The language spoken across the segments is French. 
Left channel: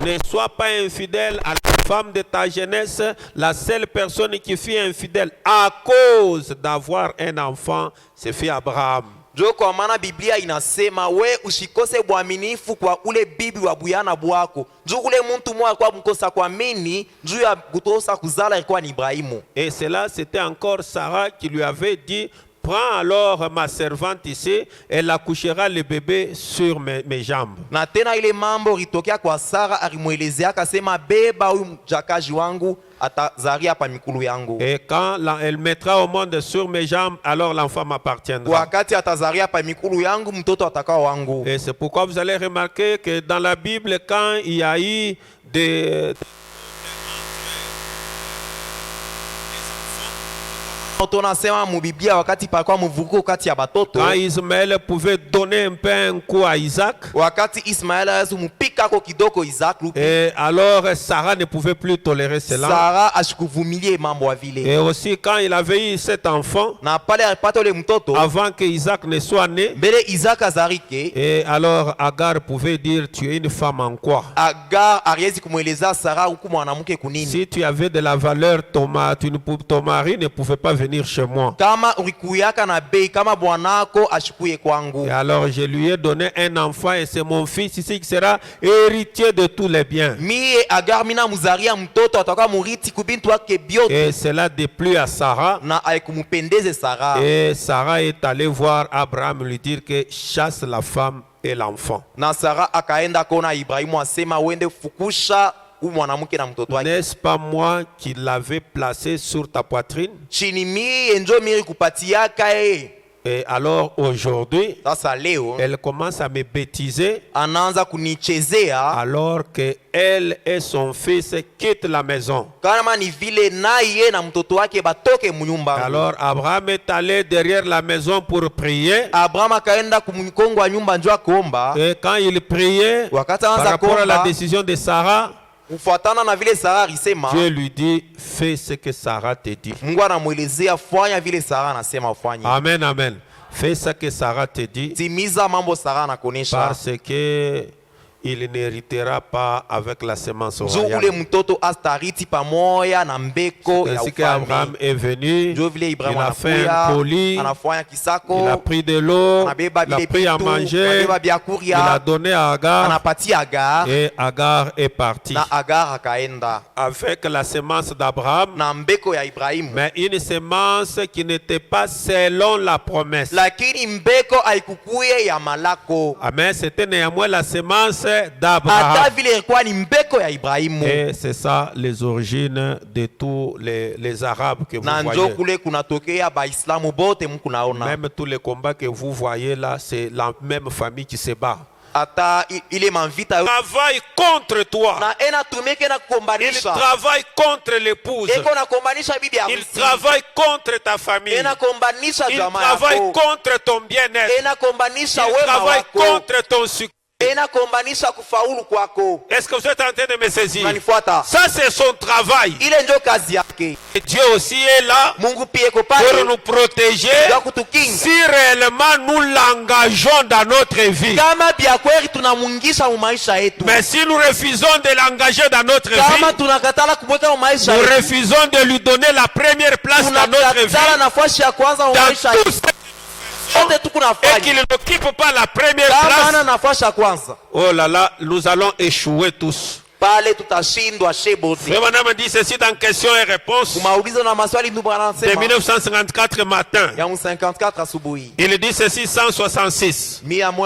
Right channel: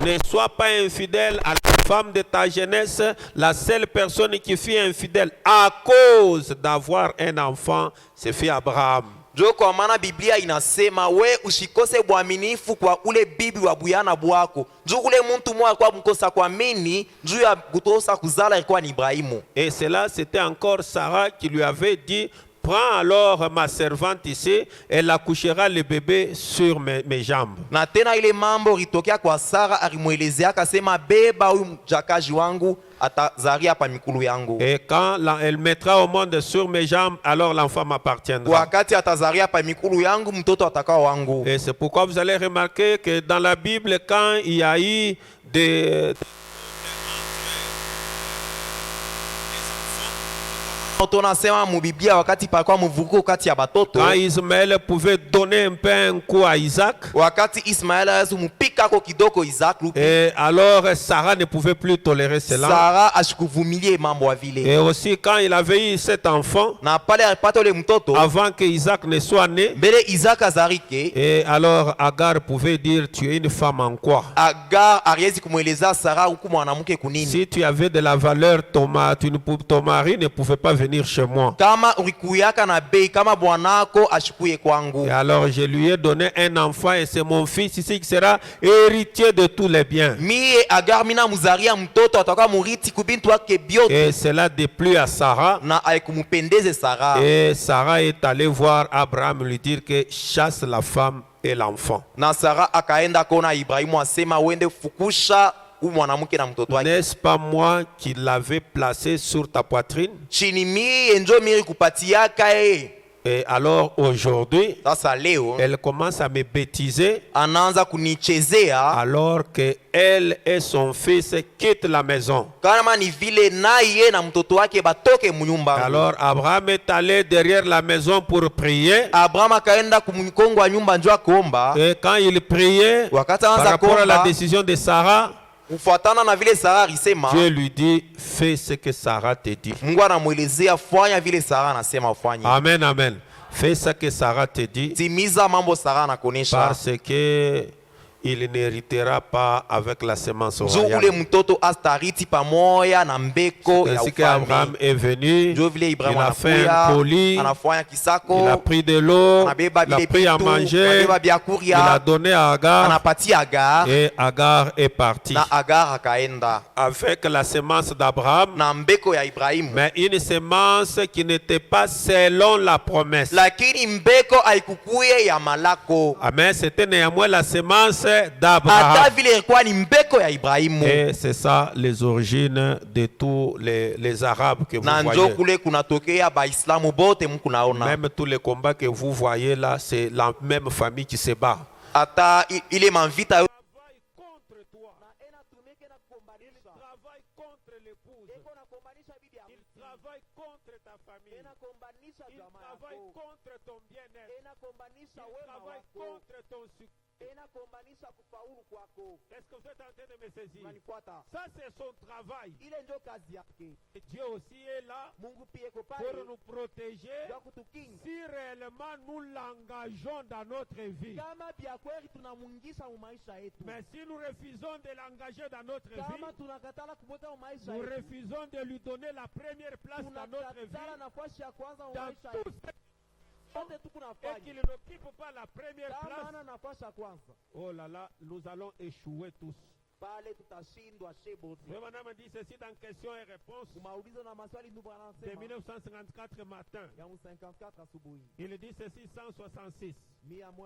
ne sois pas infidèle à la femme de ta jeunesse. La seule personne qui fut infidèle à cause d'avoir un enfant, c'est fut Abraham. Jo kwa maana Biblia inasema we usikose uaminifu kwa ule bibi wa buyana bwako. Jo ule muntu mwa kwa mkosa kuamini, juu ya kutosa kuzala ilikuwa ni Ibrahimu. Et cela, c'était encore Sarah qui lui avait dit, prends alors ma servante ici, elle accouchera le bébé sur mes jambes. Na tena ile mambo ritokea kwa Sara, alimuelezea akasema beba huyu mjakaji wangu atazaria pa mikulu yangu. Et quand elle mettra au monde sur mes jambes, alors l'enfant m'appartiendra. Wakati atazaria pa mikulu yangu, mtoto atakao wangu. Et c'est pourquoi vous allez remarquer que dans la Bible, quand il y a eu des tunasema mu Biblia wakati palikuwa mvuko kati ya batoto, quand Ismaël pouvait donner un peu un coup à Isaac, wakati Ismaël azumupika ko kidoko Isaac, et alors Sarah ne pouvait plus tolérer cela. Sarah ashikuvumilie mambo vile. Et aussi quand il avait eu cet enfant, na pale alipata ule mtoto avant que Isaac ne soit né, mbele Isaac azarike, et alors Agar pouvait dire, tu es une femme en quoi? Agar ariezi kumueleza Sarah huku mwanamke kunini. Si tu avais de la valeur, ton mari ne pouvait pas venir chez moi. Kama urikuyaka na bei kama bwanako ashikuye kwangu. Et alors je lui ai donné un enfant et c'est mon fils ici qui sera héritier de tous les biens. Mie Agar mina muzaria mtoto ataka muriti kubintu wake biote. Et cela déplut à Sarah. Na aikumupendeze Sarah. Et Sarah est allée voir Abraham lui dire que chasse la femme et l'enfant. Na Sarah akaenda kona Ibrahimu asema wende fukusha mwanamke na mtoto wake. N'est-ce pas moi qui l'avais placé sur ta poitrine? Chini mie njo miri kupatiaka e. Et alors aujourd'hui, sasa leo elle commence à me bêtiser, anaanza kunichezea, alors que elle et son fils quittent la maison. Kama ni vile naye na mtoto wake batoke munyumba. Alors Abraham est allé derrière la maison pour prier. Abraham akaenda kumkongo wa nyumba njo akaomba. Et quand il priait par rapport à la décision de Sarah, ufuatana na vile Sarah alisema, Dieu lui dit, fais ce que Sarah te dit. Mungu anamuelezea fanya vile Sarah anasema ufanye. Amen, amen. Fais ce que Sarah te dit. Timiza mambo Sarah anakuonesha. Parce que il n'héritera pas avec la semence royale. Ule mtoto astariti pamoja na mbeko ya ufalme. Abraham est venu, il a fait un colis, il a pris de l'eau, il a pris à manger, il a donné à Agar, et Agar est parti avec la semence d'Abraham, mais une semence qui n'était pas selon la promesse. Amen, c'était néanmoins la semence d'Abraham. Et c'est ça les origines de tous les Arabes que vous voyez. Même tous les combats que vous voyez là, c'est la même famille qui se bat. Il travaille contre toi. Il travaille contre l'épouse. Il travaille contre ta famille. Il travaille contre ton bien-être. Il travaille contre ton succès. Est-ce que vous êtes en train de me saisir? Ça c'est son travail. Et Dieu aussi est là pour nous protéger si réellement nous l'engageons dans notre vie. Mais si nous refusons de l'engager dans notre vie, nous refusons de lui donner la première place dans notre vie, dans tout ce et qu'il n'occupe pas la première place, oh là là, nous allons échouer tous. Madame dit ceci dans questions et réponses de 1954 matin. Il dit ceci 166. Maintenant,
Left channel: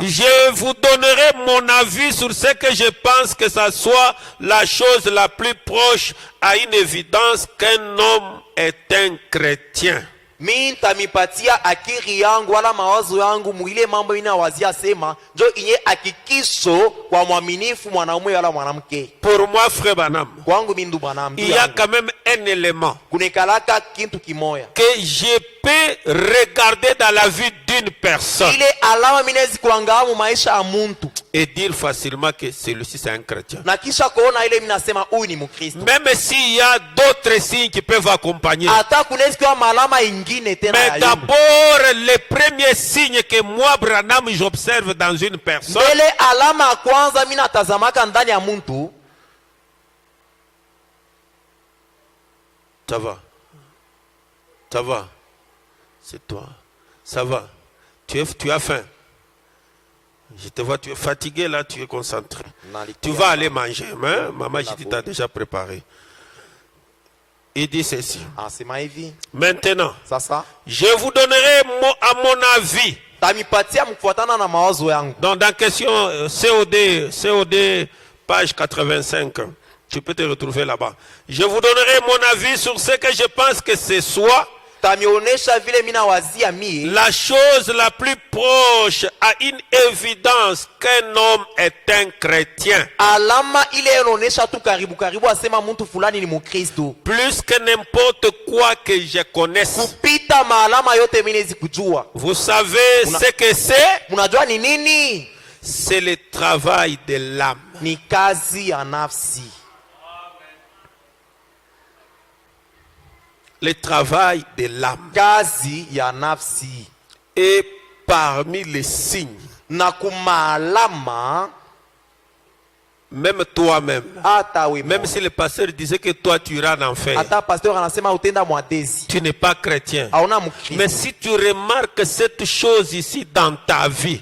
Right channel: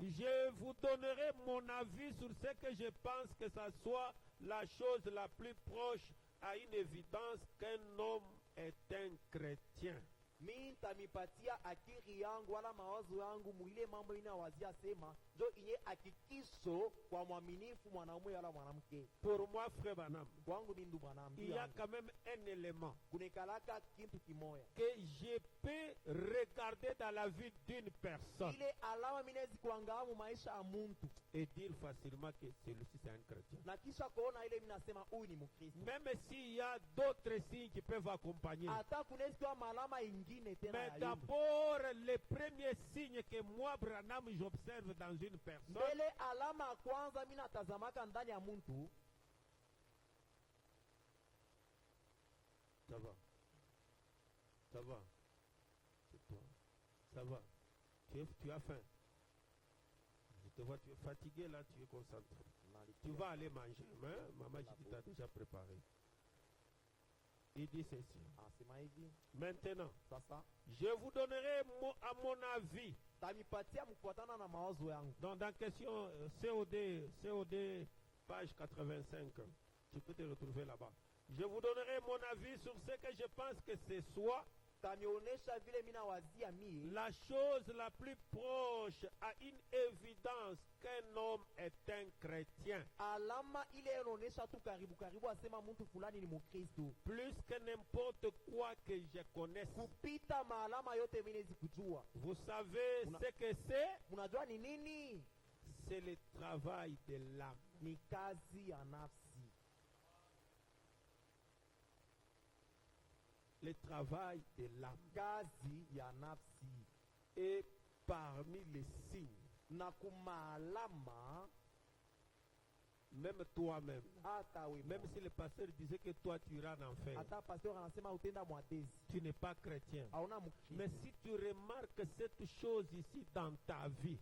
je vous donnerai mon avis sur ce que je pense que ça soit la chose la plus proche à une évidence qu'un homme est un chrétien. Nitamipatia akili yangu wala mawazo yangu muile mambo inawazia sema njo inye hakikisho kwa mwaminifu mwanaume wala mwanamke. Pour moi frère Branham, kwangu mindu Branham, il y a quand même un élément kunekalaka kintu kimoya que je peux regarder dans la vie d'une personne. Ile alama minezi kuangalia maisha ya muntu et dire facilement que celui-ci c'est un chrétien. Na kisha kuona ile minasema huyu ni Mkristo. Même s'il y a d'autres signes qui peuvent accompagner. Hata kunaweza kuwa malama ingine tena ya Mais d'abord, le premier signe que moi, Branham, j'observe dans une personne. Mbele alama ya kwanza mimi natazamaka ndani ya mtu. Ça va. Ça va. C'est toi. Ça va. Tu as faim. Je te vois, tu es fatigué là, tu es concentré. Tu vas aller manger. Hein? Maman, je dis, t'as déjà préparé. Il dit ceci. Maintenant, je vous donnerai à mon avis. Donc, dans question COD, page 85, tu peux te retrouver là-bas. Je vous donnerai mon avis sur ce que je pense que c'est soit la chose la plus proche à une évidence qu'un homme est un chrétien. Plus que n'importe quoi que je connaisse. Vous savez ce que c'est? C'est le travail de l'âme. Le travail de l'âme. Et parmi les signes, même toi-même, même si le pasteur disait que toi tu iras en enfer, tu n'es pas chrétien. Mais si tu remarques cette chose ici dans ta vie,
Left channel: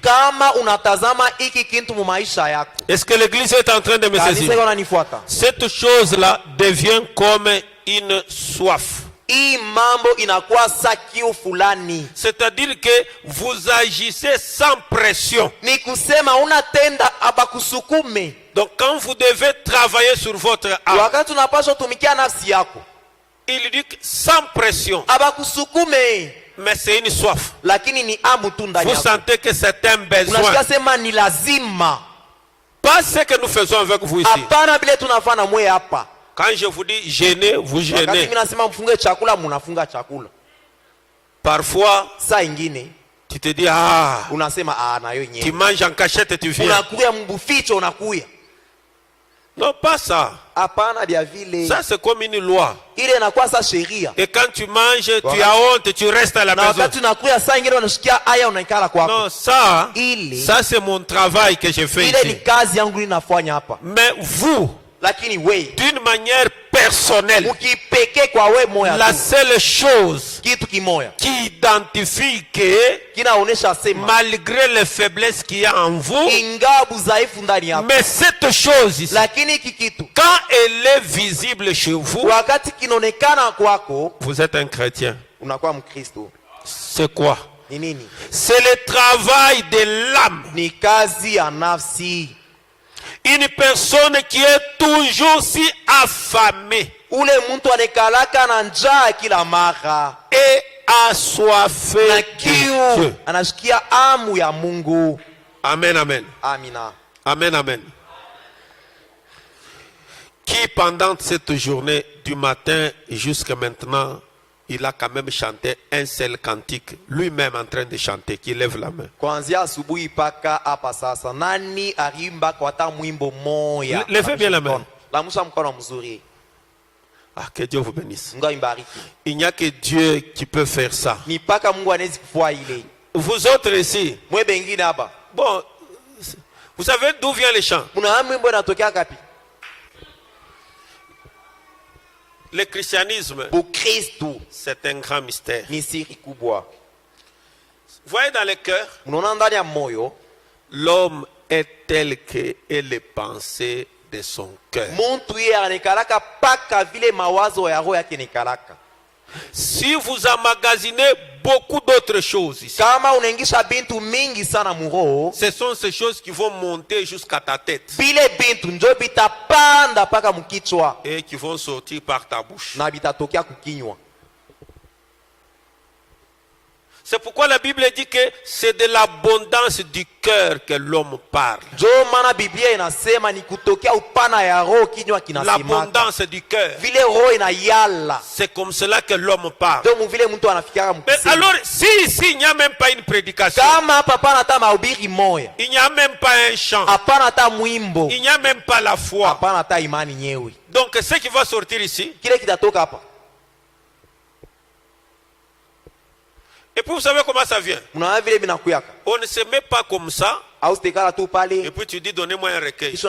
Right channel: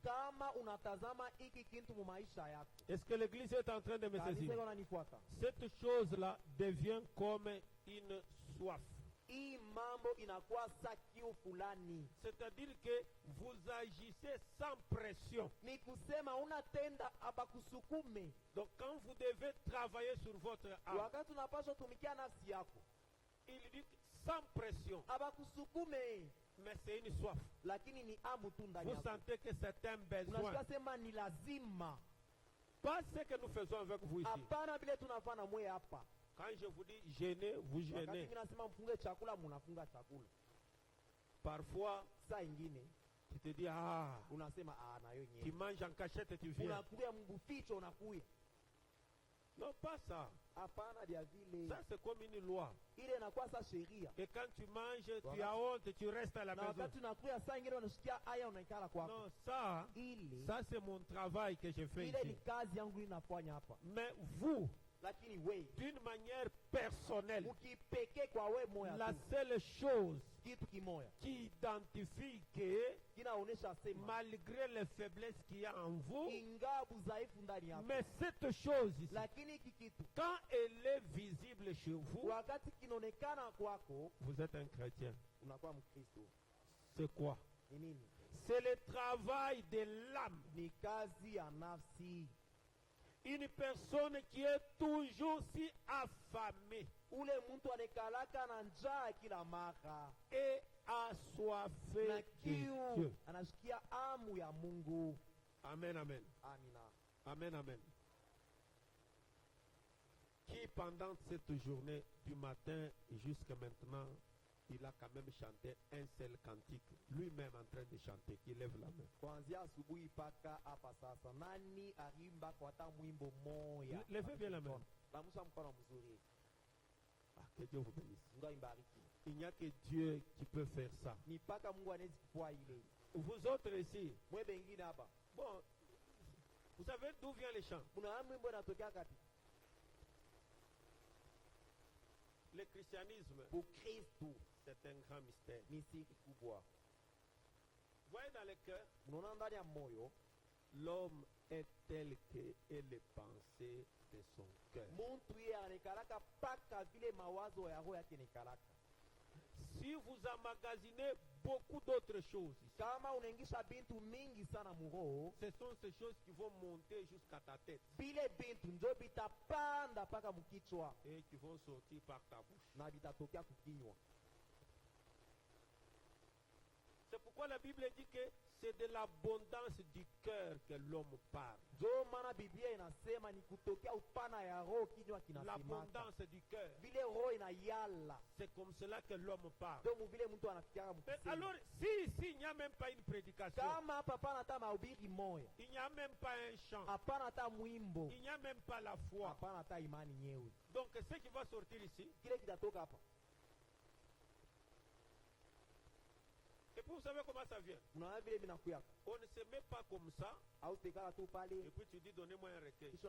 est-ce que l'église est en train de me saisir? Cette chose-là devient comme une soif. C'est-à-dire que vous agissez sans pression. Donc quand vous devez travailler sur votre âme, il dit que sans pression. Mais c'est une soif. Vous sentez que c'est un besoin. Pas ce que nous faisons avec vous ici. Quand je vous dis gêner, vous gênez. Parfois, tu te dis, tu manges en cachette et tu viens. Non, pas ça. Ça, c'est comme une loi. Et quand tu manges, tu as honte, tu restes à la maison. Non, ça c'est mon travail que je fais ici. Mais vous, d'une manière personnelle, la seule chose qui identifie que malgré les faiblesses qu'il y a en vous, mais cette chose ici, quand elle est visible chez vous, vous êtes un chrétien. C'est quoi? C'est le travail de l'âme. Une personne qui est toujours si affamée et assoiffée de Dieu. Amen, amen. Amen, amen. Qui pendant cette journée du matin jusqu'à maintenant, il a quand même chanté un seul cantique, lui-même en train de chanter, qui lève la main. Levez bien la main. Ah, que Dieu vous bénisse. Il n'y a que Dieu qui peut faire ça. Vous autres ici, bon, vous savez d'où vient le chant? Le christianisme, c'est un grand mystère. Vous voyez dans le cœur, l'homme est tel que est les pensées de son cœur. Si vous emmagasinez beaucoup d'autres choses ici, ce sont ces choses qui vont monter jusqu'à ta tête et qui vont sortir par ta bouche. C'est pourquoi la Bible dit que c'est de l'abondance du cœur que l'homme parle. L'abondance du cœur. C'est comme cela que l'homme parle. Mais alors, si ici il n'y a même pas une prédication, il n'y a même pas un chant, il n'y a même pas la foi. Donc ce qui va sortir ici, et puis vous savez comment ça vient? On ne se met pas comme ça. Et puis tu dis donnez-moi un recueil. Vous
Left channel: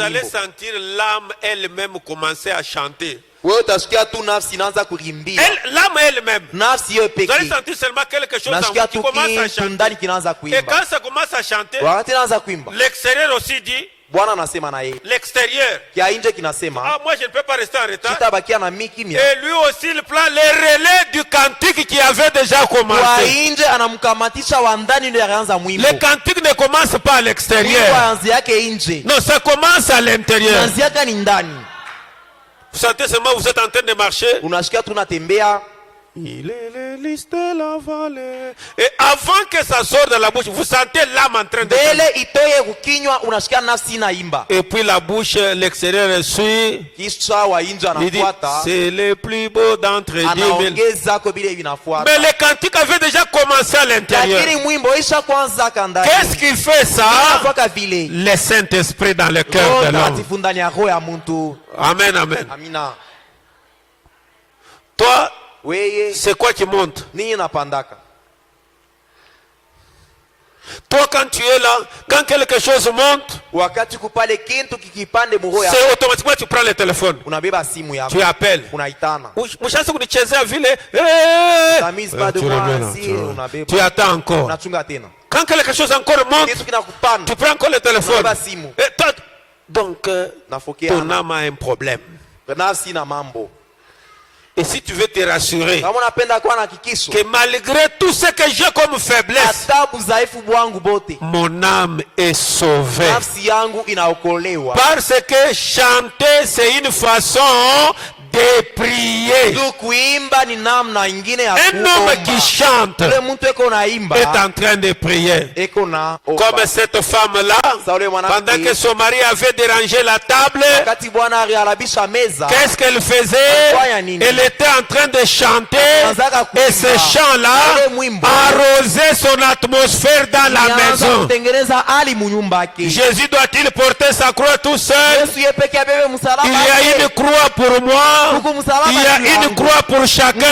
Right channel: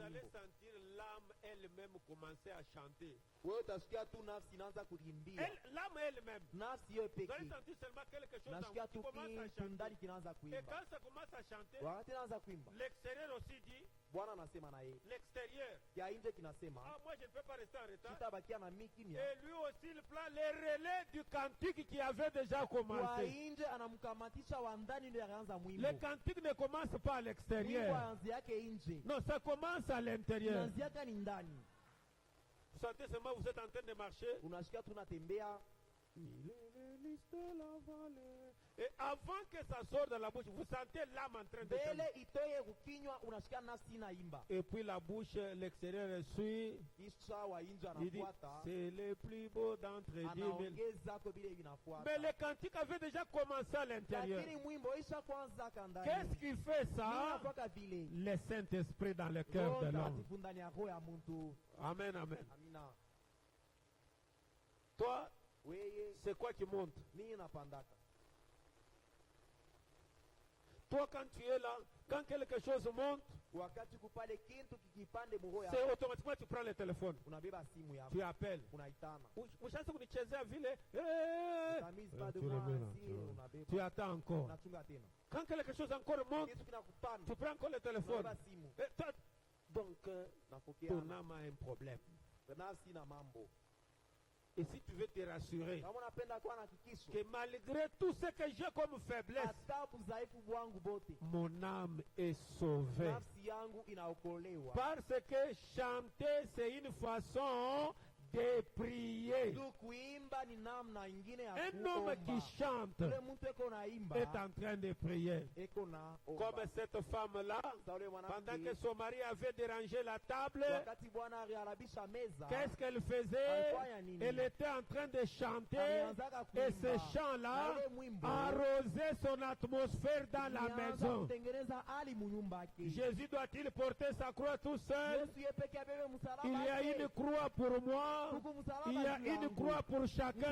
allez sentir l'âme elle-même commencer à chanter. L'âme elle-même. Vous allez sentir seulement quelque chose qui commence à chanter. Et quand ça commence à chanter, l'extérieur aussi dit. L'extérieur. Ah, moi je ne peux pas rester en retard. Et lui aussi il prend les relais du cantique qui avait déjà commencé. Le cantique ne commence pas à l'extérieur. Non, ça commence à l'intérieur. Vous sentez seulement vous êtes en train de marcher. Il est les listes de la vallée. Et avant que ça sorte de la bouche, vous sentez l'âme en train de et puis la bouche, l'extérieur suit. Il dit, c'est le plus beau d'entre 10 000. Mais le cantique avait déjà commencé à l'intérieur. Qu'est-ce qui fait ça? Le Saint-Esprit dans le cœur de l'homme. Amen, amen. Toi, c'est quoi qui monte? Toi, quand tu es là, quand quelque chose monte, c'est automatiquement tu prends le téléphone. Tu appelles. Tu attends encore. Quand quelque chose encore monte, tu prends encore le téléphone. Donc, ton âme a un problème. Et si tu veux te rassurer que malgré tout ce que j'ai comme faiblesse, mon âme est sauvée. Parce que chanter, c'est une façon de prier. Un homme qui chante est en train de prier. Comme cette femme-là, pendant que son mari avait dérangé la table, qu'est-ce qu'elle faisait? Elle était en train de chanter et ce chant-là arrosait son atmosphère dans la maison. Jésus doit-il porter sa croix tout seul? Il y a une croix pour moi. Il y a une croix pour chacun de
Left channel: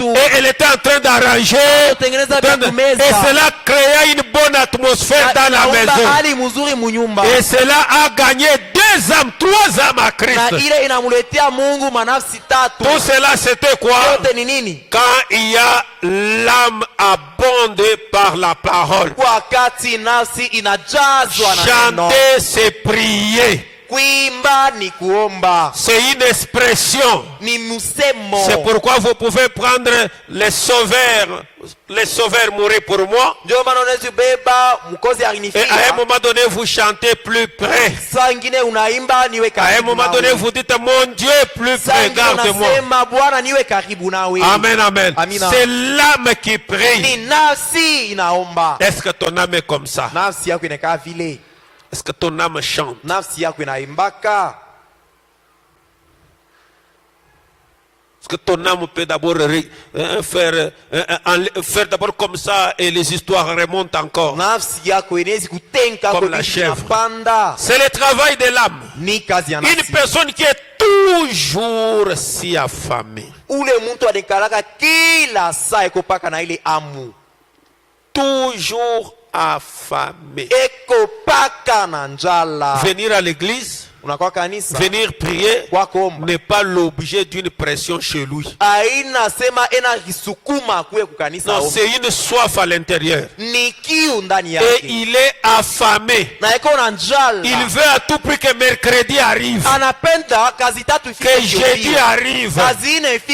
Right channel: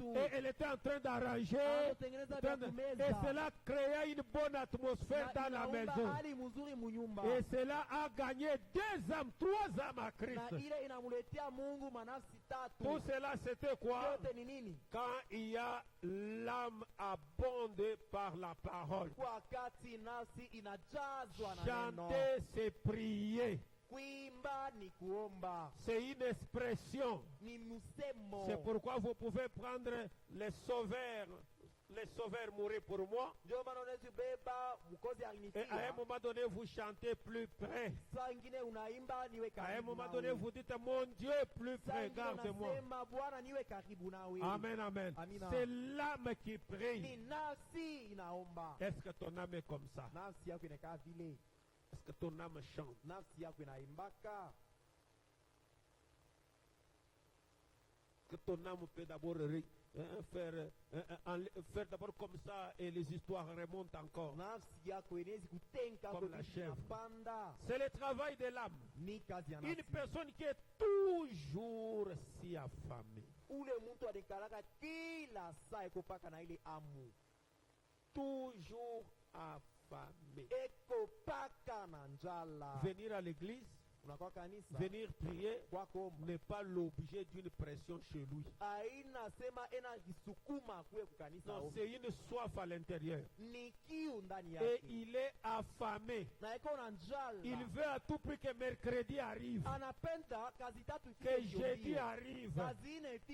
nous. Et elle était en train d'arranger. Et cela créa une bonne atmosphère dans la maison. Et cela a gagné 2 âmes, 3 âmes à Christ. Tout cela c'était quoi? Quand il y a l'âme abondée par la parole. Chanter, c'est prier. C'est une expression. C'est pourquoi vous pouvez prendre les sauveurs mourir pour moi. Et à un moment donné, vous chantez plus près. À un moment donné, vous dites, mon Dieu plus près, garde-moi. Amen, amen. C'est l'âme qui prie. Est-ce que ton âme est comme ça? Est-ce que ton âme chante? Est-ce que ton âme peut d'abord faire d'abord comme ça et les histoires remontent encore? Comme la chèvre. C'est le travail de l'âme. Une personne qui est toujours si affamée. Toujours affamé. Venir à l'église, venir prier n'est pas l'objet d'une pression chez lui. Non, c'est une soif à l'intérieur. Et il est affamé. Il veut à tout prix que mercredi arrive, que jeudi arrive.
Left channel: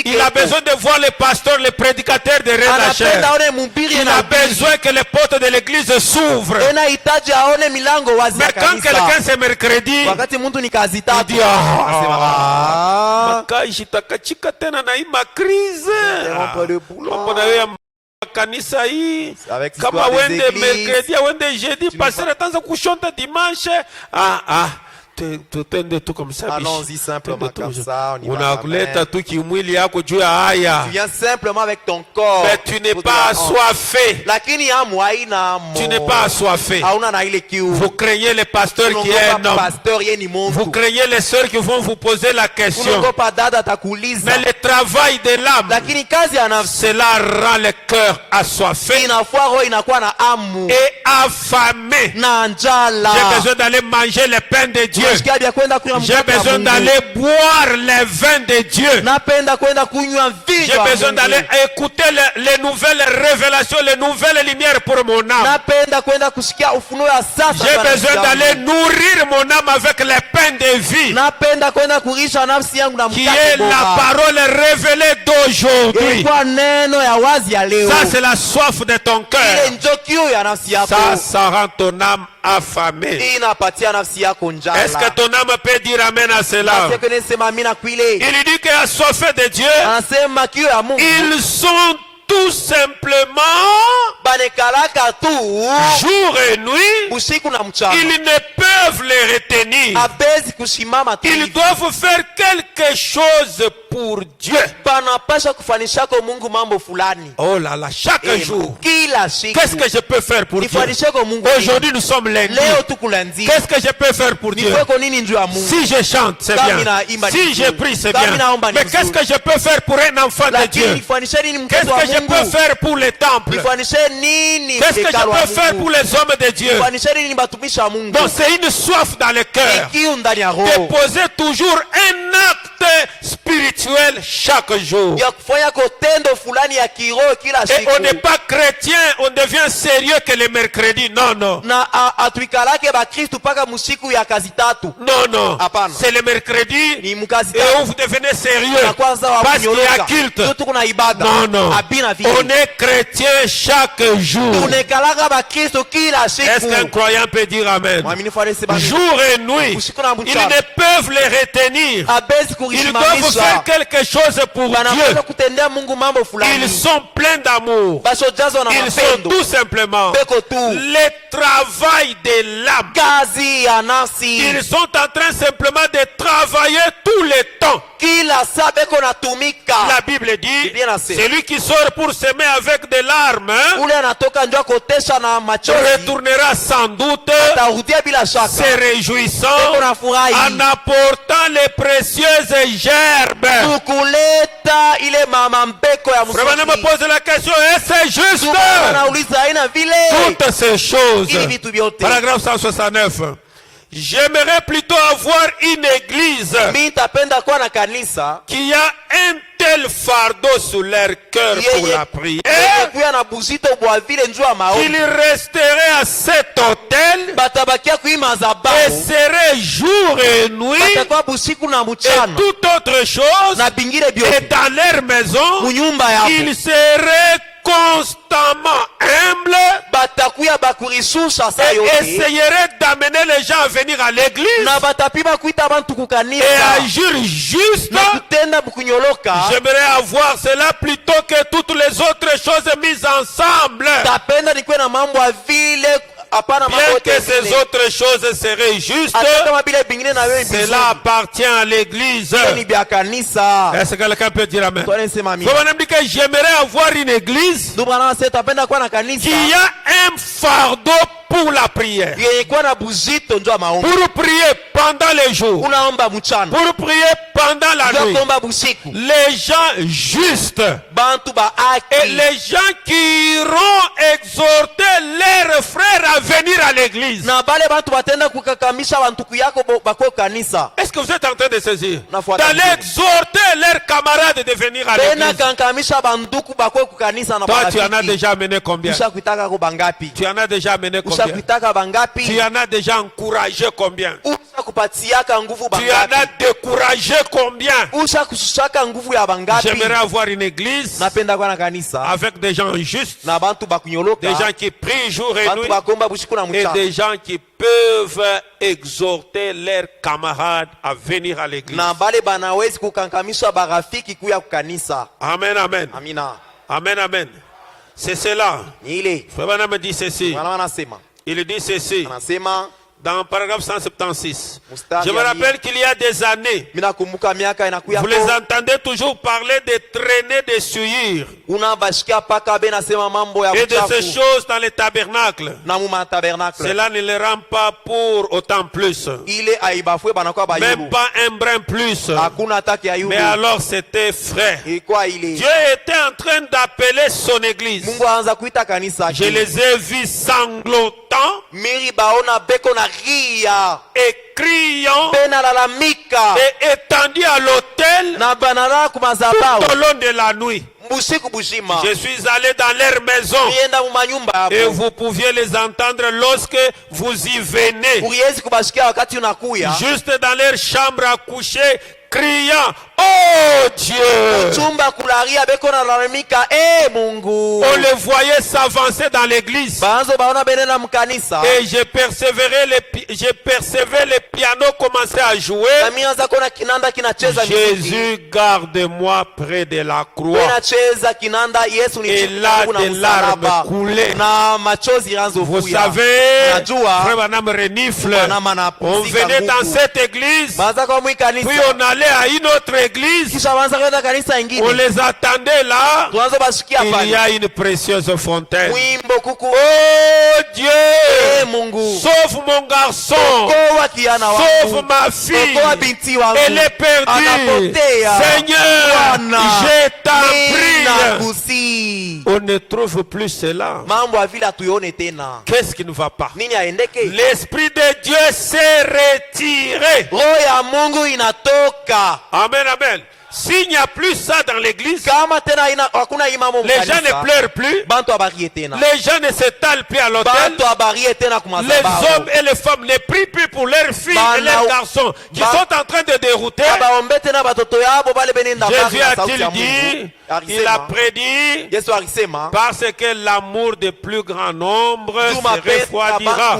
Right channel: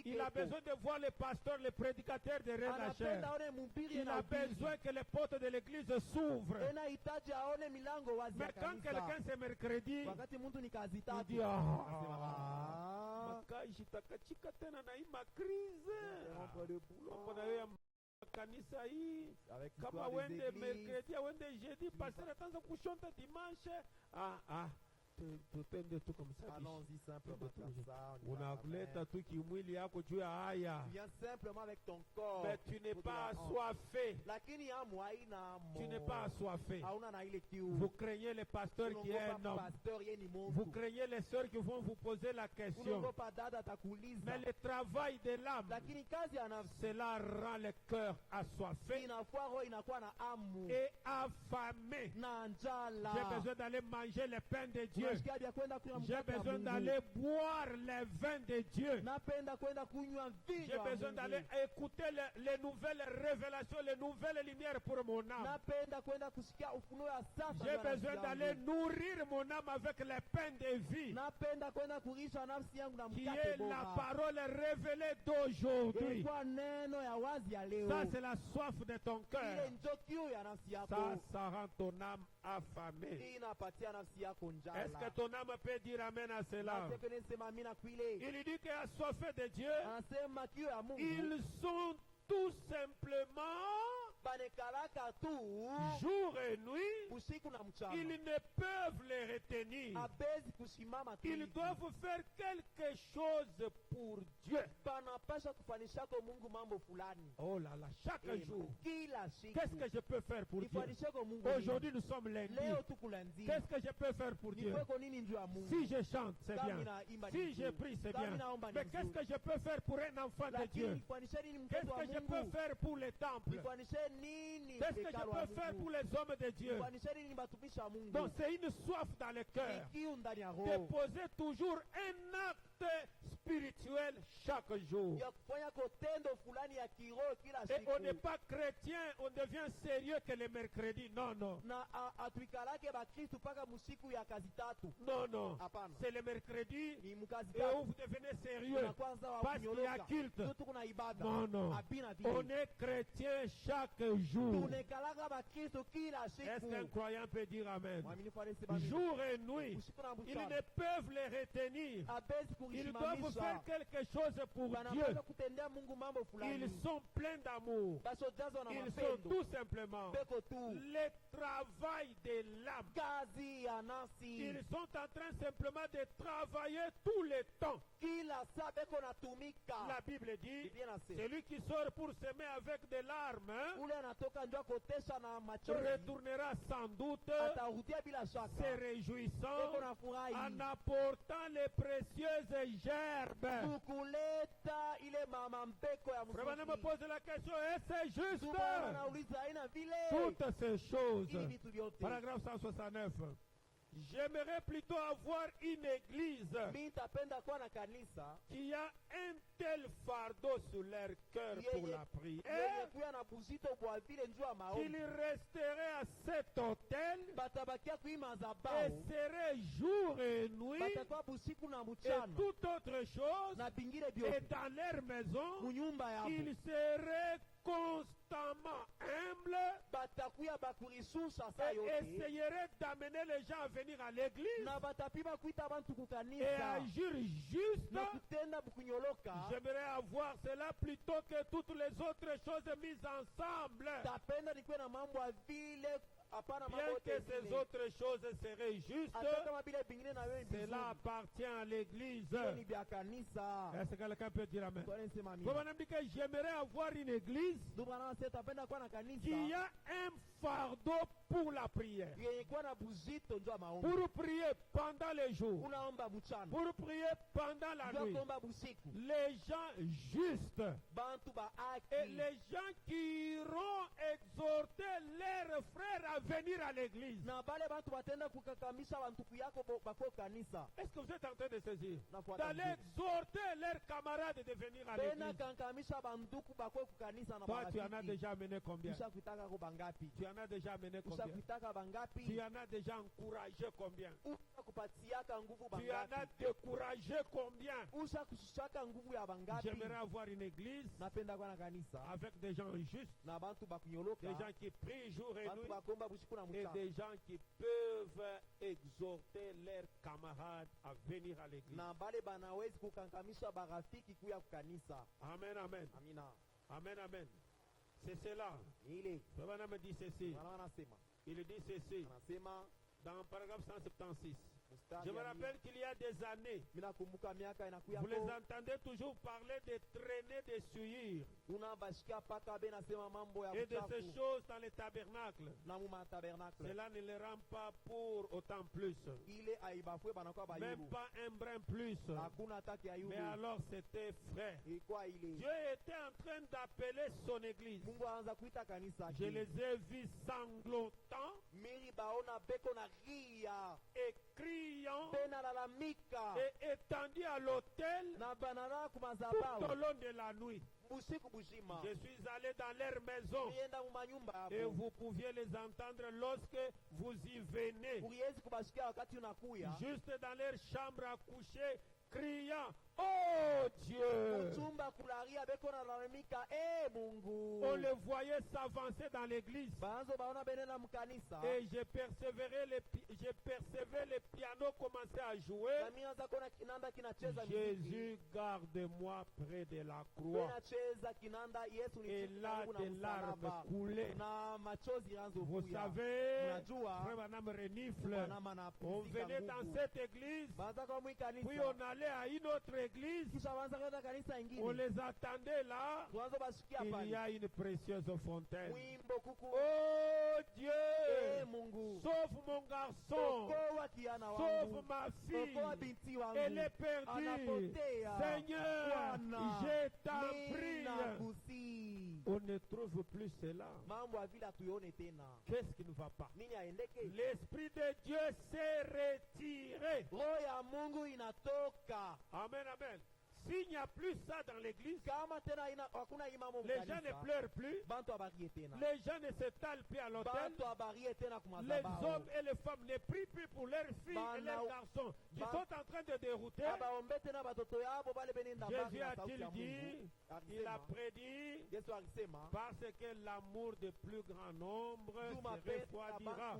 Il a besoin de voir le pasteur, le prédicateur de Rennes. Il a besoin que les portes de l'église s'ouvrent. Mais quand quelqu'un c'est mercredi, mtu ni kazi tatu. Makaji takachika tena na hii makrize. Mambo na wewe kanisa hii. Kama wende mercredi, wende jeudi, passer atanza kushonta dimanche. Tutende tu comme ça. Allons-y simplement comme ça. Unakuleta tu kimwili yako juu ya haya. Tu viens simplement avec ton corps. Mais tu n'es pas assoiffé. Lakini hamu haina mo. Tu n'es pas assoiffé. Hauna na ile kiu. Vous craignez les pasteurs qui est un homme. Pasteur yeye ni mtu. Vous craignez les sœurs qui vont vous poser la question. Unaogopa dada atakuuliza. Mais le travail de l'âme, lakini kazi ya nafsi, cela rend le cœur assoiffé. Inafua roho inakuwa na hamu. Et affamé. Na njala. J'ai besoin d'aller manger le pain de Dieu. J'ai besoin d'aller boire le vin de Dieu. J'ai besoin d'aller écouter les nouvelles révélations, les nouvelles lumières pour mon âme. J'ai besoin d'aller nourrir mon âme avec le pain de vie, qui est la parole révélée d'aujourd'hui. Ça, c'est la soif de ton cœur. Ça rend ton âme affamée. Est-ce que ton âme peut dire amen à cela? Il dit qu'assoiffé de Dieu, ils sont tout simplement jour et nuit, ils ne peuvent les retenir. Ils doivent faire quelque chose pour Dieu. Oh là là, chaque jour, qu'est-ce que je peux faire pour Dieu? Aujourd'hui nous sommes lundi. Qu'est-ce que je peux faire pour Dieu? Si je chante, c'est bien. Si je prie, c'est bien. Mais qu'est-ce que je peux faire pour un enfant de Dieu? Qu'est-ce que je peux faire pour les temples? Qu'est-ce que je peux faire pour les hommes de Dieu? Donc c'est une soif dans le cœur de poser toujours un acte spirituel chaque jour. Et on n'est pas chrétien, on devient sérieux que le mercredi. Non, non. Non, non. C'est le mercredi et où vous devenez sérieux parce qu'il y a culte. Non, non. On est chrétien chaque jour. Est-ce qu'un croyant peut dire amen? Jour et nuit, ils ne peuvent les retenir. Ils doivent faire quelque chose pour Dieu. Ils sont pleins d'amour. Ils sont tout simplement le travail de l'âme. Ils sont en train simplement de travailler tout le temps. La Bible dit, celui qui sort pour s'aimer avec des larmes retournera sans doute se réjouissant en apportant les précieuses gerbes. Vraiment me pose la question, est-ce juste? Toutes ces choses. Paragraphe 169. J'aimerais plutôt avoir une église qui a un tel fardeau sur leur cœur pour la prière qu'il resterait à cet hôtel et serait jour et nuit et toute autre chose, et dans leur maison ils seraient constamment humble et essayerait d'amener les gens à venir à l'église et agir juste. J'aimerais avoir cela plutôt que toutes les autres choses mises ensemble. Bien que ces autres choses seraient justes, cela appartient à l'église. Est-ce que quelqu'un peut dire amen? J'aimerais avoir une église qui a un fardeau pour la prière, pour prier pendant les jours, pour prier pendant la nuit. Les gens justes et les gens qui iront exhorter leurs frères à venir à l'église. Est-ce que vous êtes en train de saisir? D'aller exhorter leurs camarades de venir à l'église. Toi, tu en as déjà amené combien? Tu en as déjà amené combien? Tu en as déjà encouragé combien? Tu en as découragé combien? J'aimerais avoir une église avec des gens justes, des gens qui prient jour et nuit, et des gens qui peuvent exhorter leurs camarades à venir à l'église. Amen, amen. Amen, amen. C'est cela. Frère Branham me dit ceci. Il dit ceci dans le paragraphe 176. Je me rappelle qu'il y a des années, vous les entendez toujours parler de traînées de souillure et de ces choses dans les tabernacles. Cela ne les rend pas pour autant plus, même pas un brin plus. Mais alors c'était frère. Dieu était en train d'appeler son église. Je les ai vus sanglotant et criant et étendus à l'autel tout au long de la nuit. Je suis allé dans leur maison et vous pouviez les entendre lorsque vous y venez, juste dans leur chambre à coucher, criant, oh Dieu! On les voyait s'avancer dans l'église. Et je percevais les pianos commencer à jouer. Jésus, garde-moi près de la croix. Et là, des larmes coulaient. Vous savez, Frère Branham renifle. On venait dans cette église, puis on allait à une autre église, on les attendait là. Il y a une précieuse fontaine. Oh Dieu, sauve mon garçon, sauve ma fille, elle est perdue. Seigneur, je t'en prie. On ne trouve plus cela. Qu'est-ce qui ne va pas? L'Esprit de Dieu s'est retiré. Amen, amen. S'il n'y a plus ça dans l'église, les gens ne pleurent plus, les gens ne s'étalent plus à l'autel, les hommes et les femmes ne prient plus pour leurs filles et leurs garçons qui sont en train de dérouter. Jésus a-t-il dit, il a prédit, parce que l'amour de plus grand nombre se refroidira,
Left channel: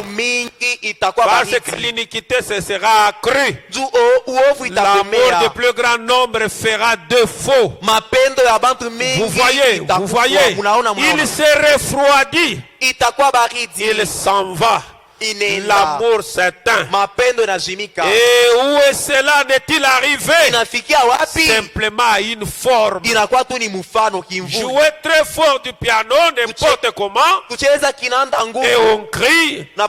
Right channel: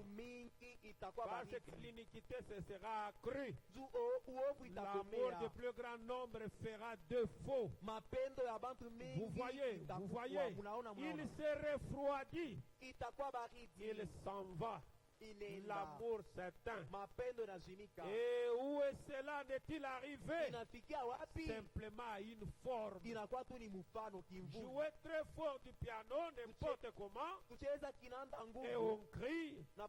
parce que l'iniquité se sera accrue, l'amour de plus grand nombre fera défaut. Vous voyez, il se refroidit, il s'en va. L'amour s'éteint. Et où est cela n'est-il arrivé? Simplement à une forme. Jouer très fort du piano, n'importe comment, et on crie, oh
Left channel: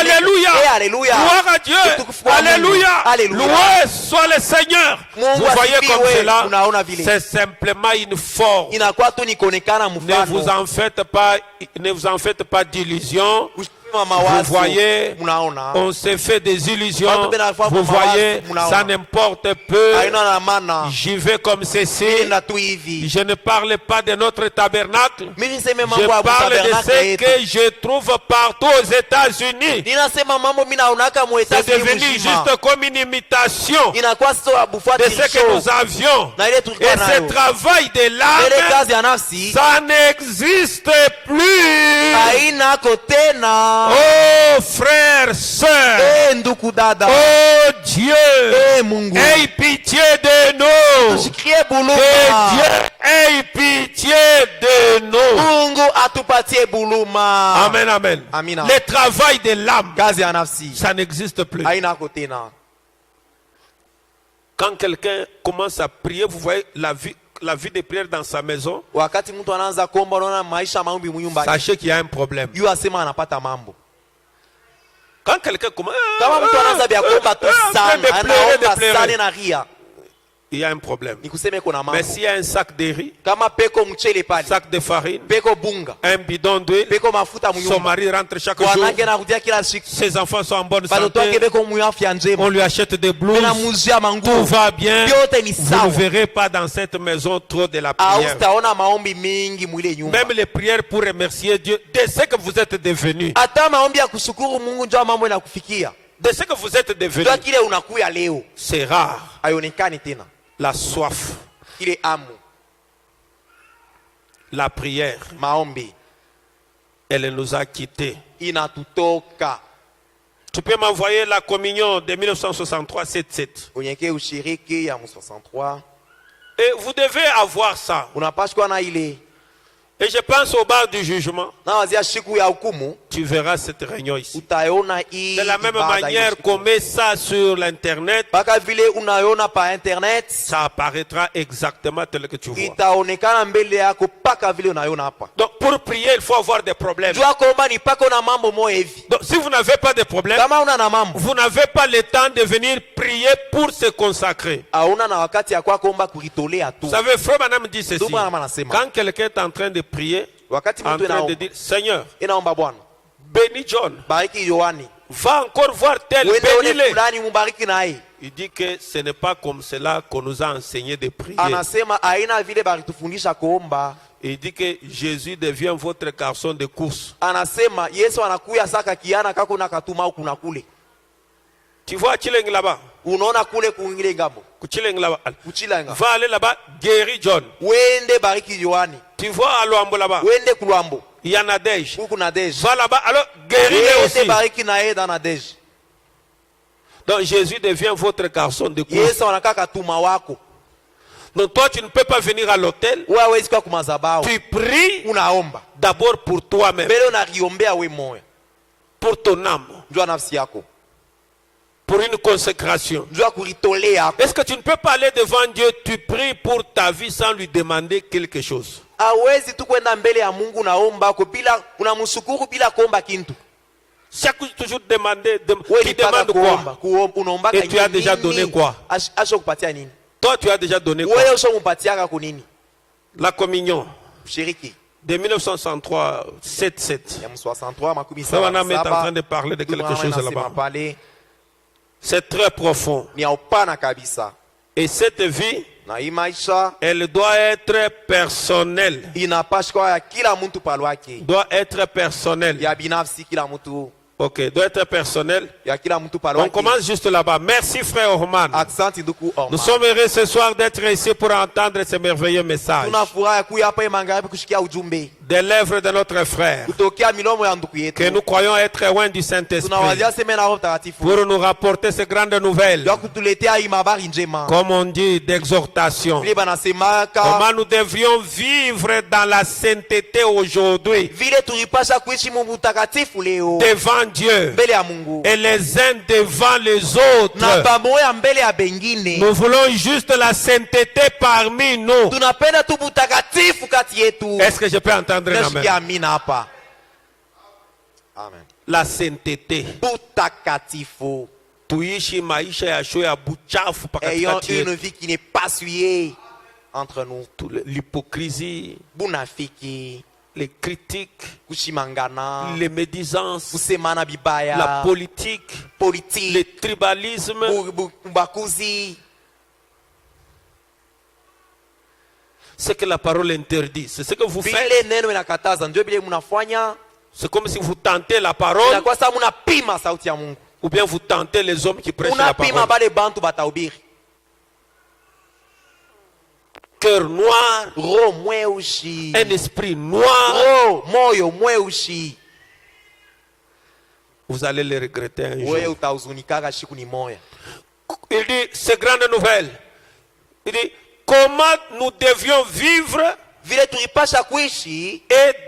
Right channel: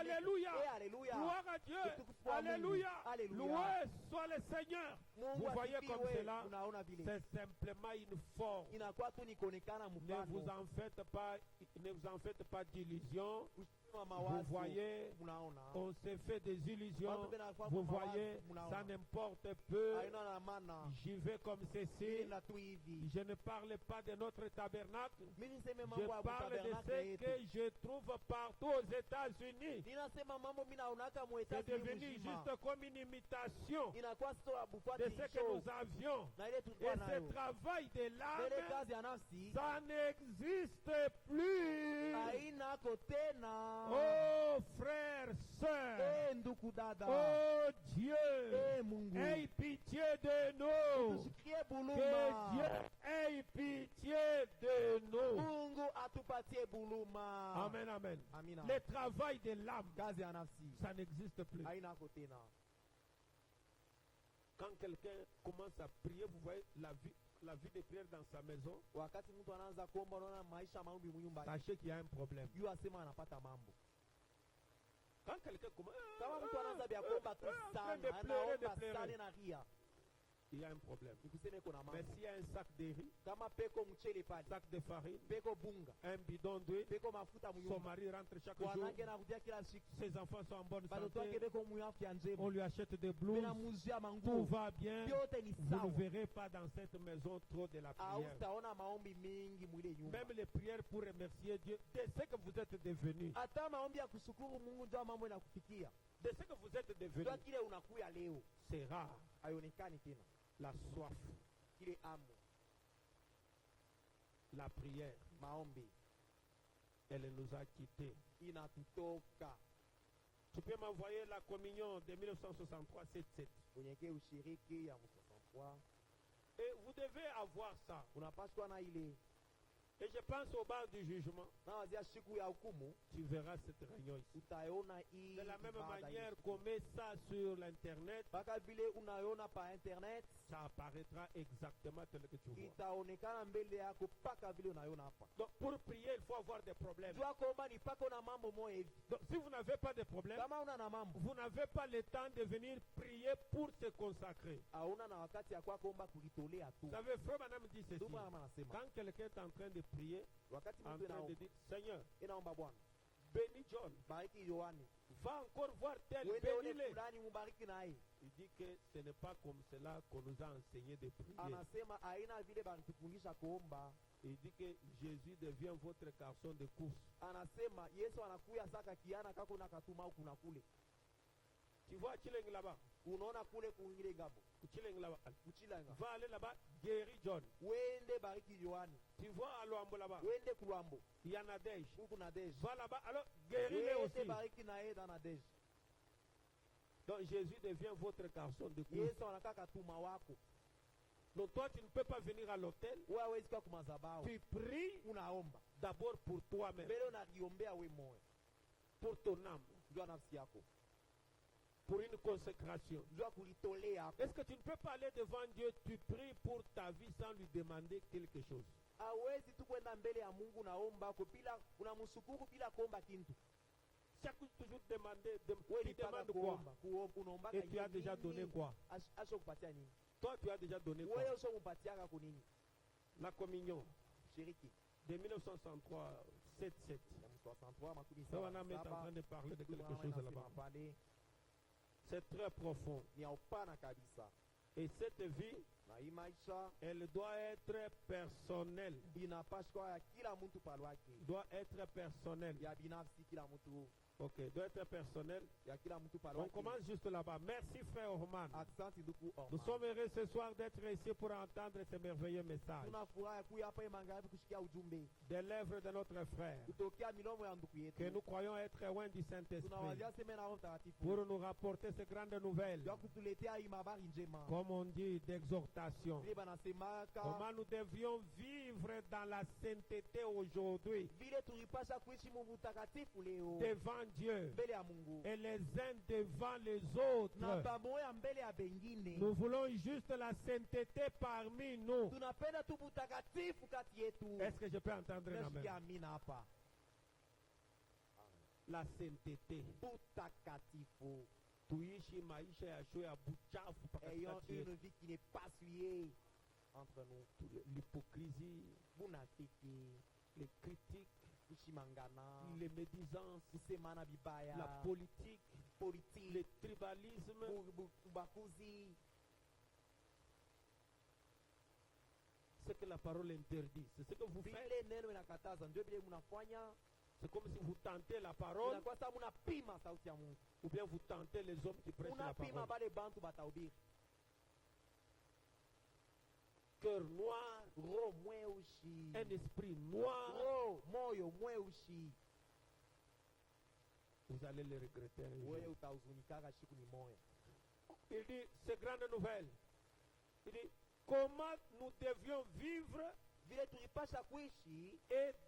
Alléluia, gloire à Dieu, Alléluia, loué soit le Seigneur. Vous voyez comme cela, c'est simplement une forme. Ne vous en faites pas d'illusions. Vous voyez, on s'est fait des illusions. Vous voyez, ça n'importe peu. J'y vais comme ceci. Je ne parle pas de notre tabernacle. Je parle de ce que je trouve partout aux États-Unis. C'est devenu juste comme une imitation de ce que nous avions. Et ce travail de l'âme, ça n'existe plus. Oh frères, sœurs, oh Dieu, aie pitié de nous. Que Dieu ait pitié de nous. Amen, amen. Le travail de l'âme, ça n'existe plus. Quand quelqu'un commence à prier, vous voyez la vie de prière dans sa maison, sachez qu'il y a un problème. Quand quelqu'un commence de pleurer, il y a un problème. Mais s'il y a un sac de riz, un sac de farine, un bidon d'huile, son mari rentre chaque jour, ses enfants sont en bonne santé, on lui achète des blouses, tout va bien, vous ne verrez pas dans cette maison trop de la prière. Même les prières pour remercier Dieu de ce que vous êtes devenus. de ce que vous êtes devenu. Ndio kile unakuya leo. C'est rare. Haionekani tena. La soif. Kile amu. La prière. Maombi. Elle nous a quittés. Inatutoka. Tu peux m'envoyer la communion de 1963 77. Unyeke ushiriki ya 63. Et vous devez avoir ça. Unapashwa na ile. Et je pense au bar du jugement. Na wazia siku ya hukumu. Tu verras cette réunion ici. Utaona hii. De la même manière qu'on met ça sur l'internet. Baka vile unaiona pa internet. Ça apparaîtra exactement tel que tu vois. Itaonekana mbele yako paka vile unaiona hapa. Donc pour prier, il faut avoir des problèmes. Jua kwamba ni pako na mambo moja hivi. Donc si vous n'avez pas de problème, kama una na mambo, vous n'avez pas le temps de venir prier pour se consacrer. Hauna na wakati ya kwa kuomba kuitolea tu. Vous savez, frère Madame dit ceci. Quand quelqu'un est en train de prier, en train de dire, Seigneur, inaomba Bwana, bénis John, bariki Yohani, va encore voir tel, bénis-le. Il dit que ce n'est pas comme cela qu'on nous a enseigné de prier. Anasema aina vile balitufundisha kuomba. Il dit que Jésus devient votre garçon de course. Anasema Yesu anakuya saka kiana kako na katuma huku na kule. Tu vois Chileng là-bas? Unaona kule kuingile ngambo. Kuchileng là-bas. Kuchilanga. Va aller là-bas, guéris John. Wende bariki Yohani. Tu vois à Luambo là-bas? Wende kulwambo. Il y a Nadège. Huku Nadège. Va là-bas, alors guéris-le aussi. Wende bariki na yeye dans Nadège. Donc Jésus devient votre garçon de course. Yesu anakaa katuma wako. Donc toi tu ne peux pas venir à l'hôtel. Tu pries unaomba d'abord pour toi-même. Pour ton âme. Pour une consécration. Est-ce que tu ne peux pas aller devant Dieu, tu pries pour ta vie sans lui demander quelque chose? Chaque jour toujours demander, qui demande quoi? Et tu as déjà donné quoi? Toi tu as déjà donné quoi? La communion de 1963 77. On est en train de parler de quelque chose là-bas. C'est très profond. Et cette vie, elle doit être personnelle. Doit être personnelle. Ok, doit être personnel. On commence juste là-bas. Merci frère Orman. Nous sommes heureux ce soir d'être ici pour entendre ce merveilleux message. Des lèvres de notre frère. Que nous croyons être loin du Saint-Esprit. Pour nous rapporter ces grandes nouvelles. Comme on dit, d'exhortation. Comment nous devrions vivre dans la sainteté aujourd'hui. Devant Dieu et les uns devant les autres. Nous voulons juste la sainteté parmi nous. Est-ce que je peux entendre un amen? Amen. La sainteté. Tuishi maisha ya show ya buchafu ayant une vie qui n'est pas souillée entre nous. L'hypocrisie, bunafiki, les critiques, kushimangana, les médisances, kusemana bibaya, la politique, le tribalisme, ubakuzi. Ce que la parole interdit, c'est ce que vous faites. C'est comme si vous tentez la parole, ou bien vous tentez les hommes qui prêchent la parole. Cœur noir, un esprit noir, vous allez le regretter un jour. Il dit, c'est grande nouvelle. Il dit, comment nous devions vivre et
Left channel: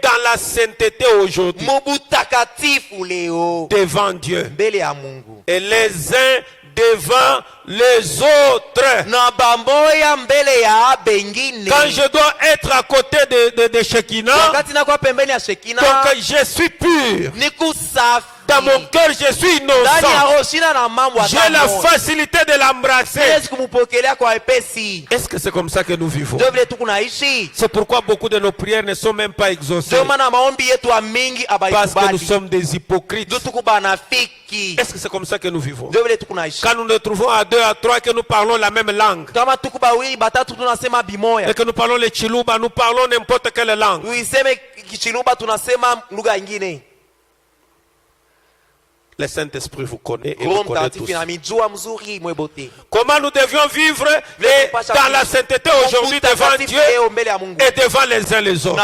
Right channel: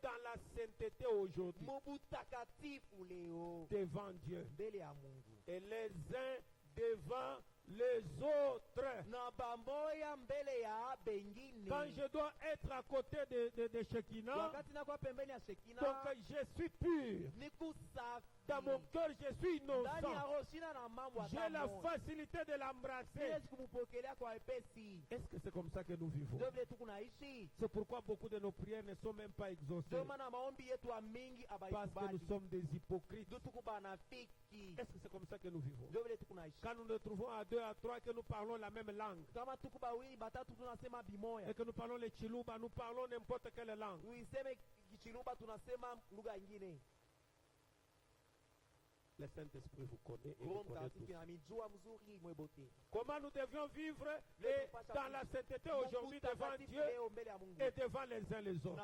dans la sainteté aujourd'hui devant Dieu et les uns devant les autres. Quand je dois être à côté de Shekinah, donc je suis pur. Dans mon cœur, je suis innocent. J'ai la facilité de l'embrasser. Est-ce que c'est comme ça que nous vivons? C'est pourquoi beaucoup de nos prières ne sont même pas exaucées. Parce que nous sommes des hypocrites. Est-ce que c'est comme ça que nous vivons? Quand nous nous trouvons à 2 à 3 que nous parlons la même langue. Et que nous parlons le Chiluba, nous parlons n'importe quelle langue. Le Saint-Esprit vous connaît et vous connaît tous. Comment nous devions vivre dans la sainteté aujourd'hui devant Dieu et devant les uns les autres.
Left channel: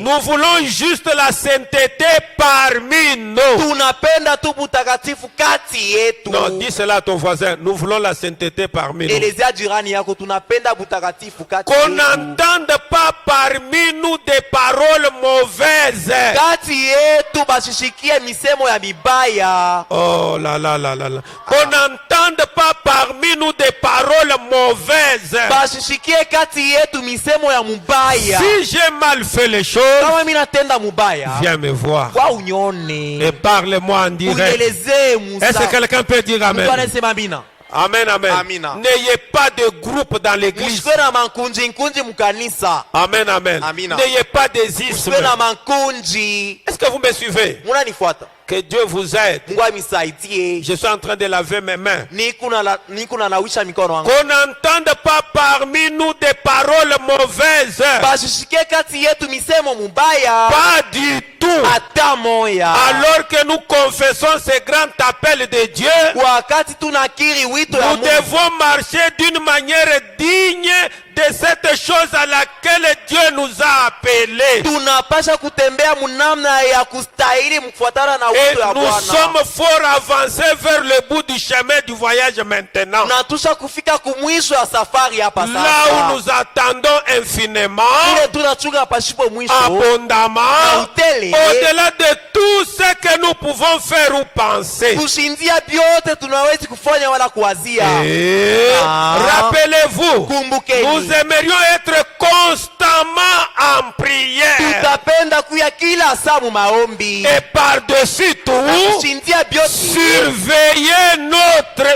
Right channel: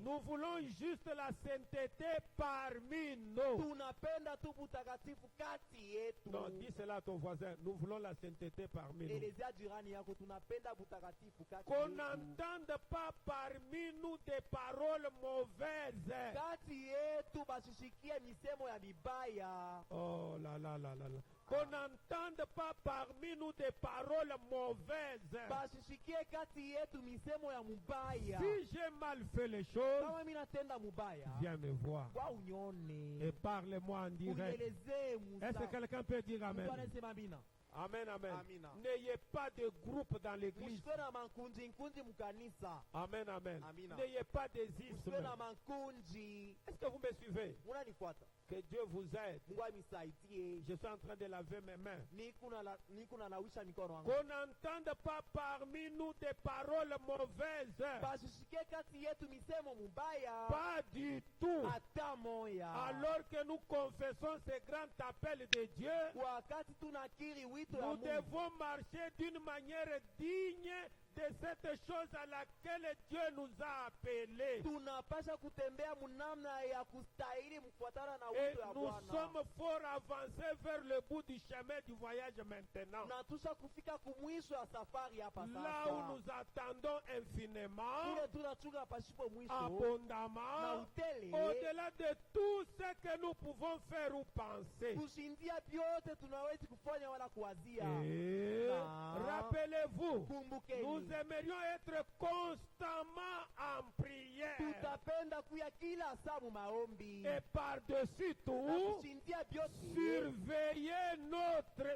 Nous voulons juste la sainteté parmi nous. Non, dis cela à ton voisin. Nous voulons la sainteté parmi nous. Qu'on n'entende pas parmi nous des paroles mauvaises. Oh là là là là là. Qu'on n'entende pas parmi nous des paroles mauvaises. Si j'ai mal fait les choses, viens me voir et parle-moi en direct. Est-ce que quelqu'un peut dire amen? Amen, amen. N'ayez pas de groupe dans l'église. Amen, amen. N'ayez pas des ismes. Est-ce que vous me suivez? Que Dieu vous aide. Je suis en train de laver mes mains. Qu'on n'entende pas parmi nous des paroles mauvaises. Pas du tout. Alors que nous confessons ce grand appel de Dieu, nous devons marcher d'une manière digne de cette chose à laquelle Dieu nous a appelés. Et nous sommes fort avancés vers le bout du chemin du voyage maintenant. Là où nous attendons infiniment, abondamment, au-delà de tout ce que nous pouvons faire ou penser. Rappelez-vous, nous aimerions être constamment en prière. Et par-dessus tout, surveiller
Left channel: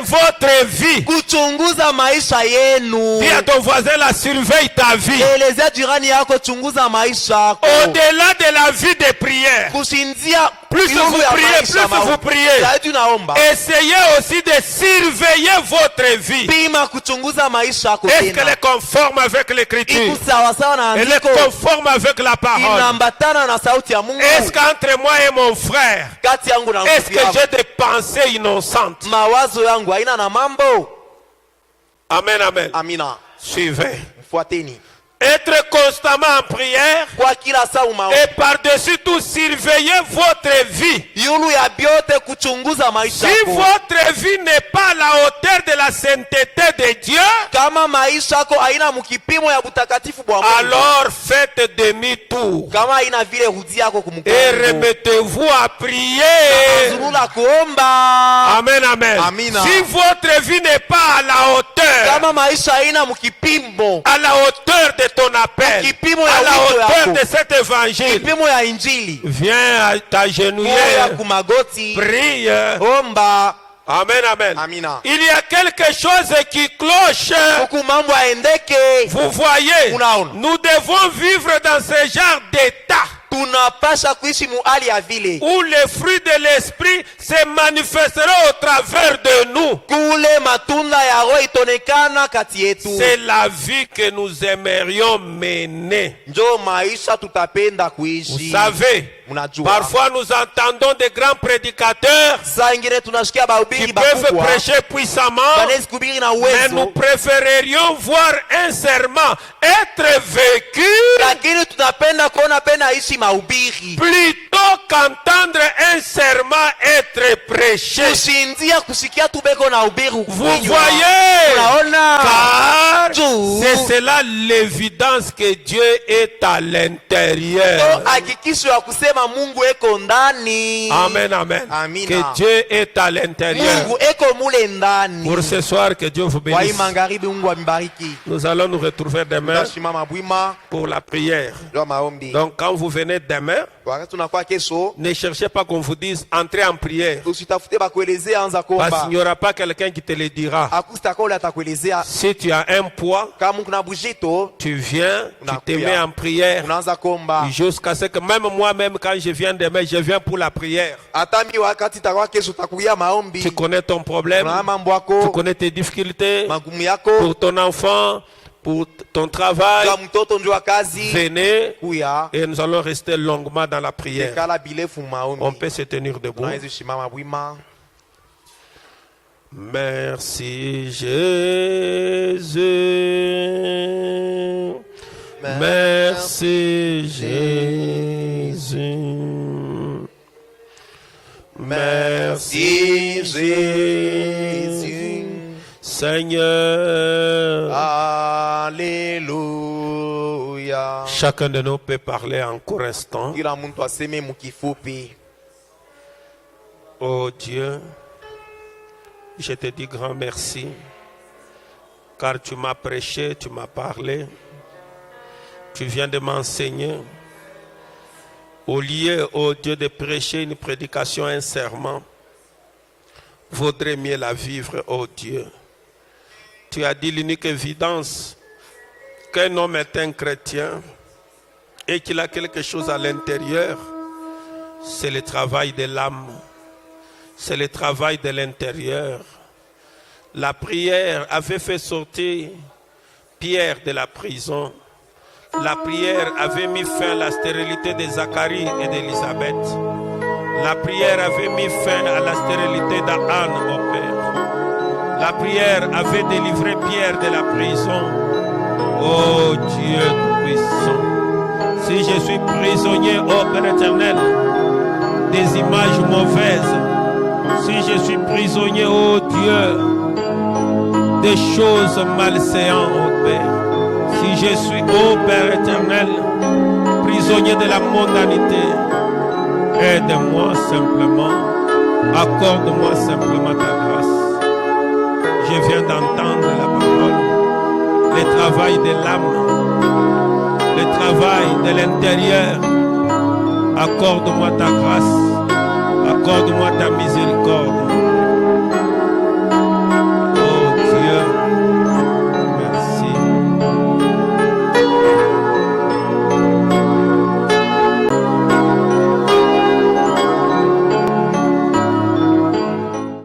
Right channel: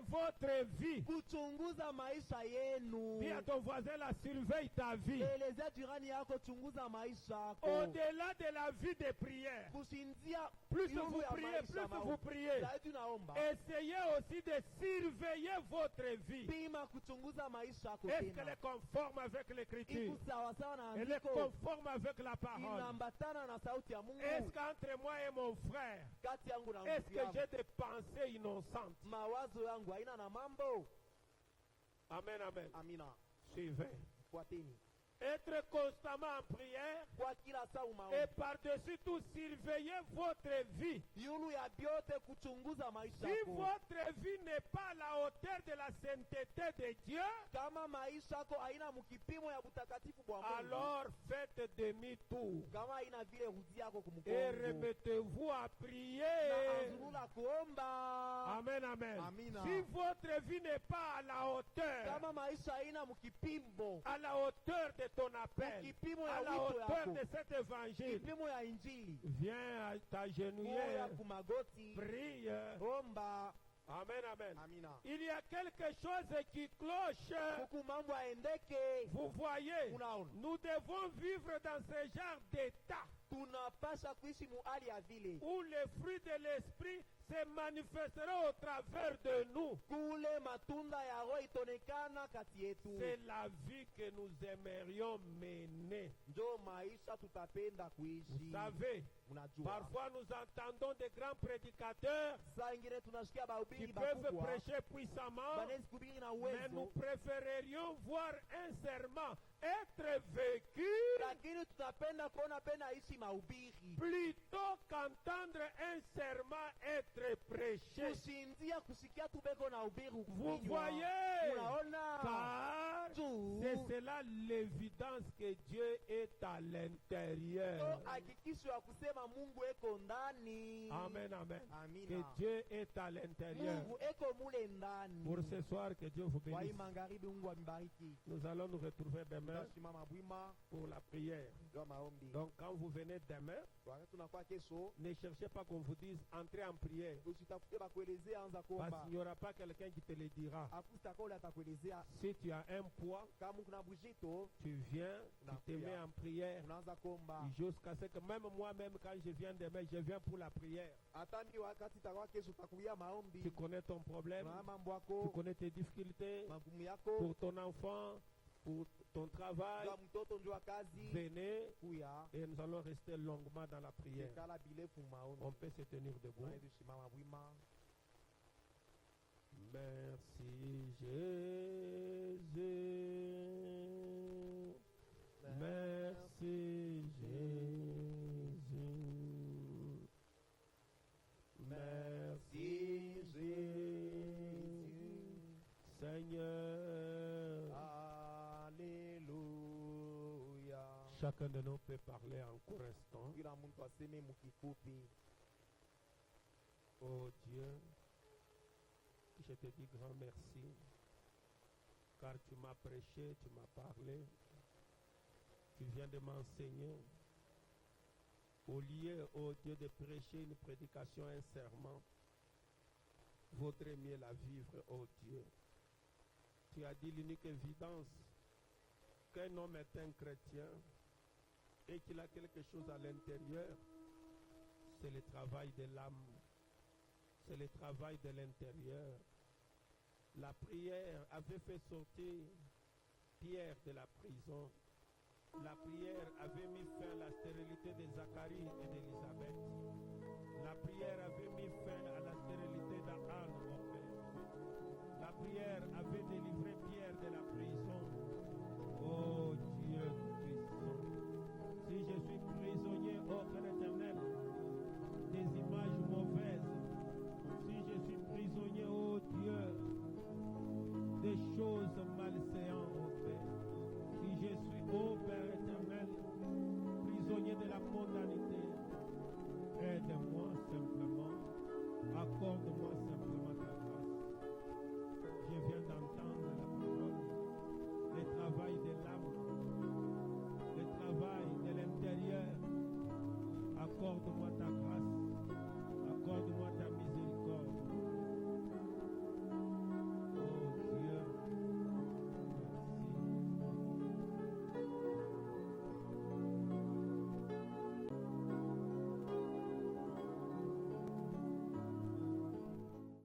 votre vie. Dis à ton voisin, la surveille ta vie. Au-delà de la vie de prière, plus vous priez, essayez aussi de surveiller votre vie. Est-ce qu'elle est conforme avec l'écriture? Elle est conforme avec la parole? Est-ce qu'entre moi et mon frère, est-ce que j'ai des pensées innocentes? Amen, amen. Suivez. Être constamment en prière et par-dessus tout surveiller votre vie. Si votre vie n'est pas à la hauteur de la sainteté de Dieu, alors faites demi-tour et remettez-vous à prier. Amen, amen. Si votre vie n'est pas à la hauteur, à la hauteur de ton appel, à la hauteur de cet évangile, viens t'agenouiller, prie. Amen, amen. Il y a quelque chose qui cloche. Vous voyez, nous devons vivre dans ce genre d'état où les fruits de l'esprit se manifesteront au travers de nous. C'est la vie que nous aimerions mener. Vous savez, parfois nous entendons des grands prédicateurs qui peuvent prêcher puissamment, mais nous préférerions voir un serment être vécu plutôt qu'entendre un serment être prêché. Vous voyez, car c'est cela l'évidence que Dieu est à l'intérieur. Amen, amen. Que Dieu est à l'intérieur. Pour ce soir, que Dieu vous bénisse. Nous allons nous retrouver demain pour la prière. Donc quand vous venez demain, ne cherchez pas qu'on vous dise entrez en prière, parce qu'il n'y aura pas quelqu'un qui te le dira. Si tu as un poids, tu viens, tu te mets en prière jusqu'à ce que même moi-même quand je viens demain, je viens pour la prière. Tu connais ton problème, tu connais tes difficultés pour ton enfant, pour ton travail. Venez et nous allons rester longuement dans la prière. On peut se tenir debout. Merci Jésus. Merci Jésus. Merci Jésus. Seigneur. Alléluia. Chacun de nous peut parler en court instant. Oh Dieu, je te dis grand merci, car tu m'as prêché, tu m'as parlé, tu viens de m'enseigner. Au lieu, oh Dieu, de prêcher une prédication, un serment, vaudrait mieux la vivre, oh Dieu. Tu as dit l'unique évidence qu'un homme est un chrétien et qu'il a quelque chose à l'intérieur, c'est le travail de l'âme, c'est le travail de l'intérieur. La prière avait fait sortir Pierre de la prison. La prière avait mis fin à la stérilité de Zacharie et d'Élisabeth. La prière avait mis fin à la stérilité d'Anne au Père. La prière avait délivré Pierre de la prison. Oh Dieu puissant, si je suis prisonnier, oh Père éternel, des images mauvaises, si je suis prisonnier, oh Dieu, des choses malséantes, oh Père, si je suis, oh Père éternel, prisonnier de la mondanité, aide-moi simplement, accorde-moi simplement ta grâce. Je viens d'entendre la parole, le travail de l'âme, le travail de l'intérieur. Accorde-moi ta grâce, accorde-moi ta miséricorde.